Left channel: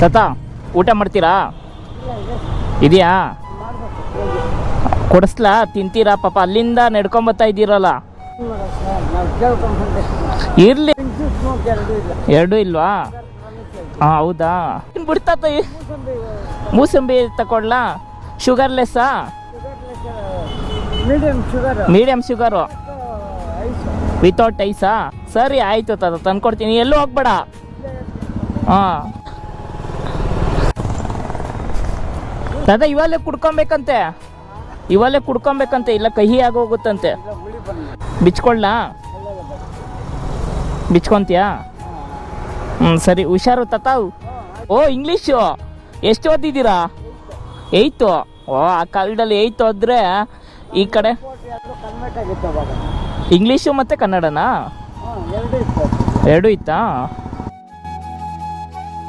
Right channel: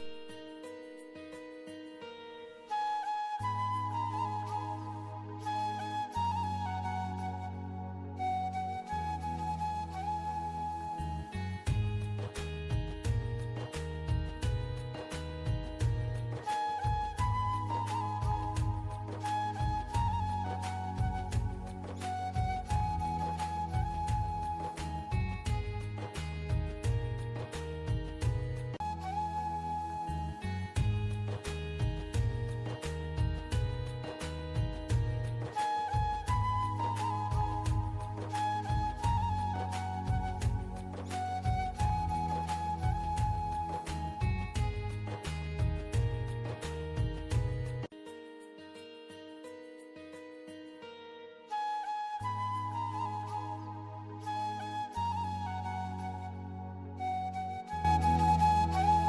ತಾತ ಊಟ ಮಾಡ್ತೀರಾ? ಇದೆಯಾ? ಕೊಡಿಸ್ಲಾ? ತಿಂತೀರಾ? ಪಾಪ ಅಲ್ಲಿಂದ ನಡ್ಕೊಂಬತ್ತಾ ಇದ್ದೀರಲ್ಲ. ಇರ್ಲಿ, ಎರಡೂ ಇಲ್ವಾ? ಹಾಂ, ಹೌದಾ? ಬಿಡ್ತಾತ. ಮೂಸಂಬಿ ತಗೊಳ್ಲಾ? ಶುಗರ್ಲೆಸ್ಸಾ? ಮೀಡಿಯಮ್ ಶುಗರು ವಿತೌಟ್ ಐಸಾ? ಸರಿ ಆಯಿತು ತಾತ, ತಂದ್ಕೊಡ್ತೀನಿ. ಎಲ್ಲೂ ಹೋಗ್ಬೇಡ. ಹಾಂ ತಾತ, ಇವಾಗಲೇ ಕುಡ್ಕೊಬೇಕಂತೆ, ಇವಾಗಲೇ ಕುಡ್ಕೊಬೇಕಂತೆ, ಇಲ್ಲ ಕಹಿ ಆಗೋಗುತ್ತಂತೆ. ಬಿಚ್ಕೊಳ್ಳಾ? ಬಿಚ್ಕೊತೀಯಾ? ಸರಿ, ಹುಷಾರು ತಾತ. ಓ, ಇಂಗ್ಲೀಷು ಎಷ್ಟು ಓದಿದ್ದೀರಾ? 8. ಓ, ಆ ಕಾಲದಲ್ಲಿ 8 ಓದಿದ್ರೆ ಈ ಕಡೆ ಇಂಗ್ಲೀಷು ಮತ್ತು ಕನ್ನಡನಾ? ಎರಡೂ ಇತ್ತಾ?